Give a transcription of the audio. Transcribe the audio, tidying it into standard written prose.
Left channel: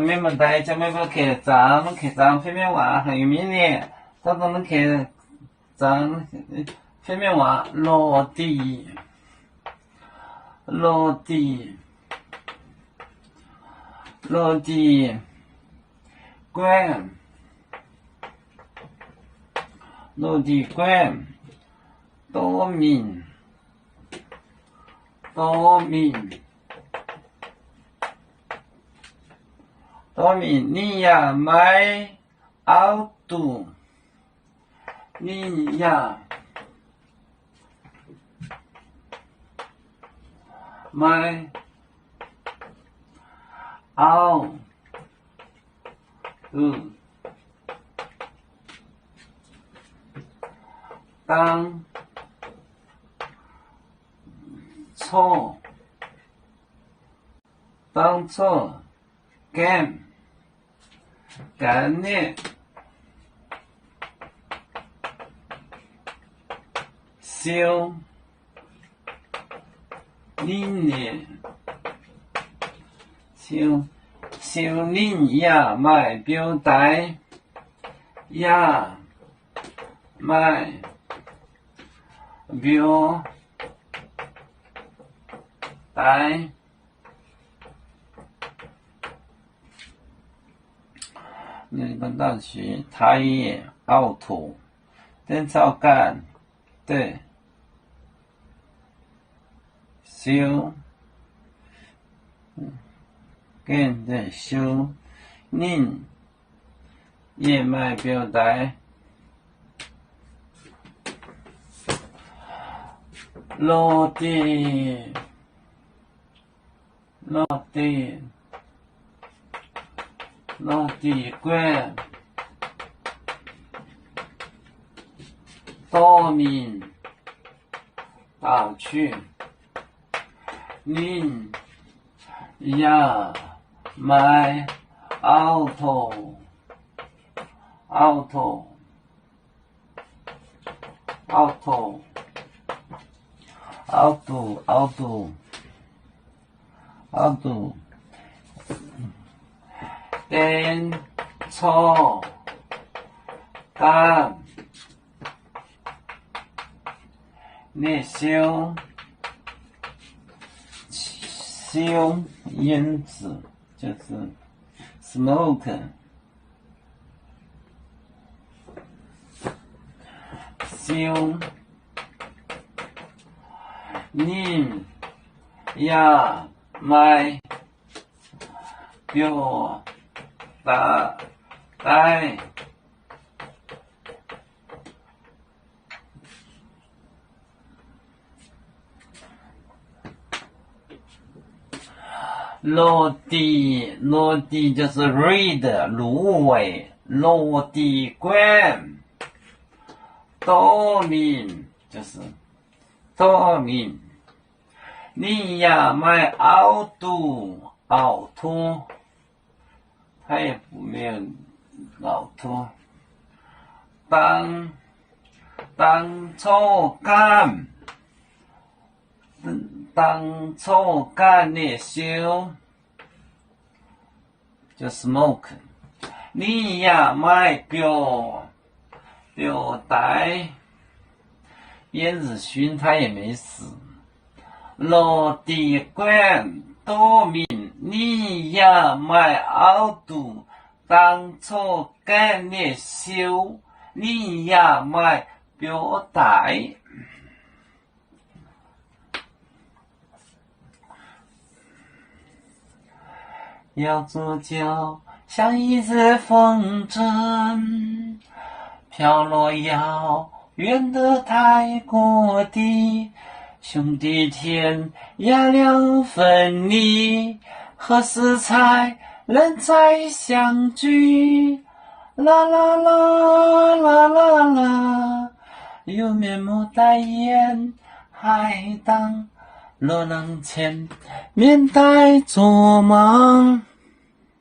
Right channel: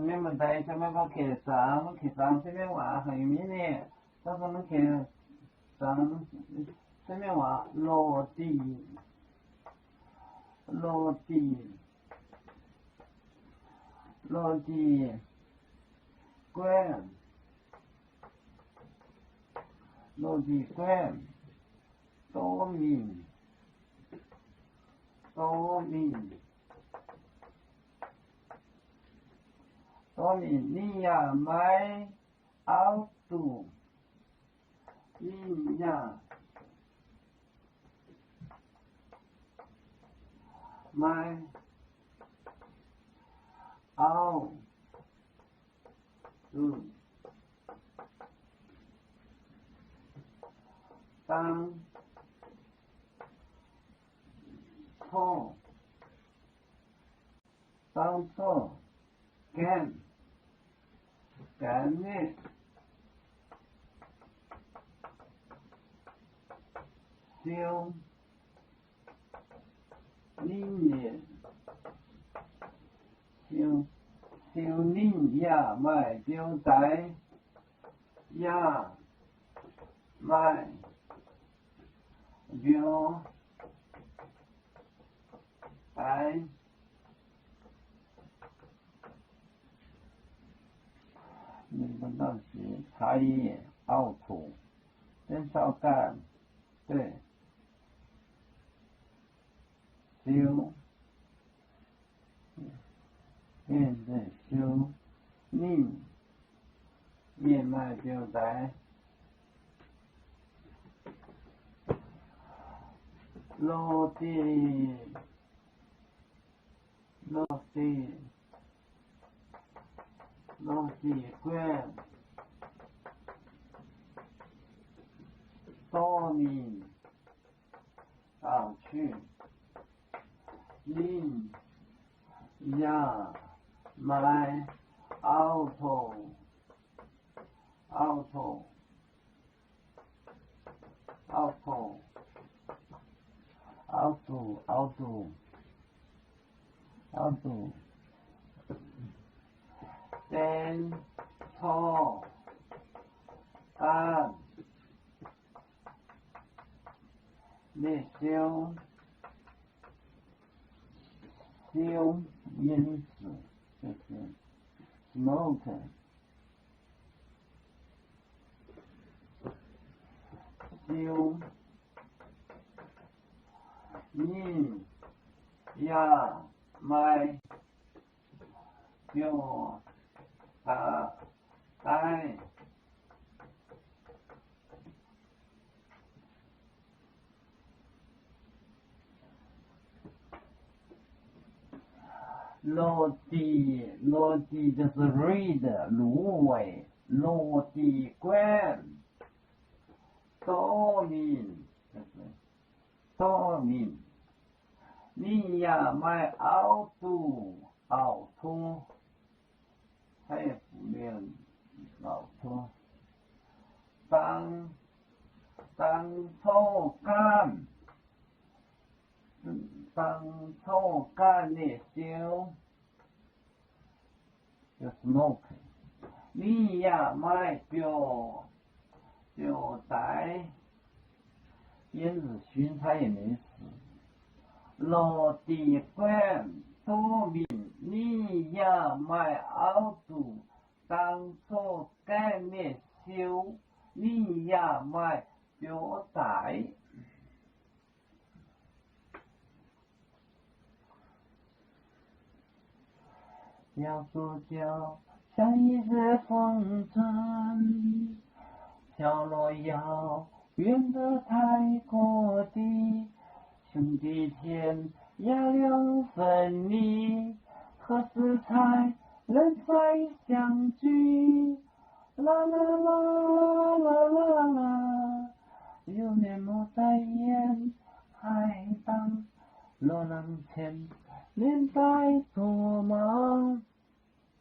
咩问题就咩个客栈，客栈方面话还有咩呢？到到那客栈方面话落地，落地，落地关，落地关，多名，多名。多米尼亚买奥杜，尼亚买奥杜，当错，当错。干的修林的修林也买表带也买表带。日本大学台野奥土灯草干对修跟对修宁燕麦表带落地落地落地关多名打去您呀买奥拓奥拓奥拓奥拓奥拓奥拓电错干烈修烟子就是 smoke 修您呀买表带落地就是 read 芦苇，落地关多名就是多名，你呀买奥杜奥托，他也没有奥托，当初干。当初干的修就 smoke， 你呀买表带，燕子勋他也没死，落地关多名，你呀买奥杜，当初干的修，你呀买表带。要做就像一只风筝，飘落遥远的太国地，兄弟天涯两分离，何时才能再相聚？啦啦啦啦啦啦，有面目戴眼，还当落浪前面带做梦。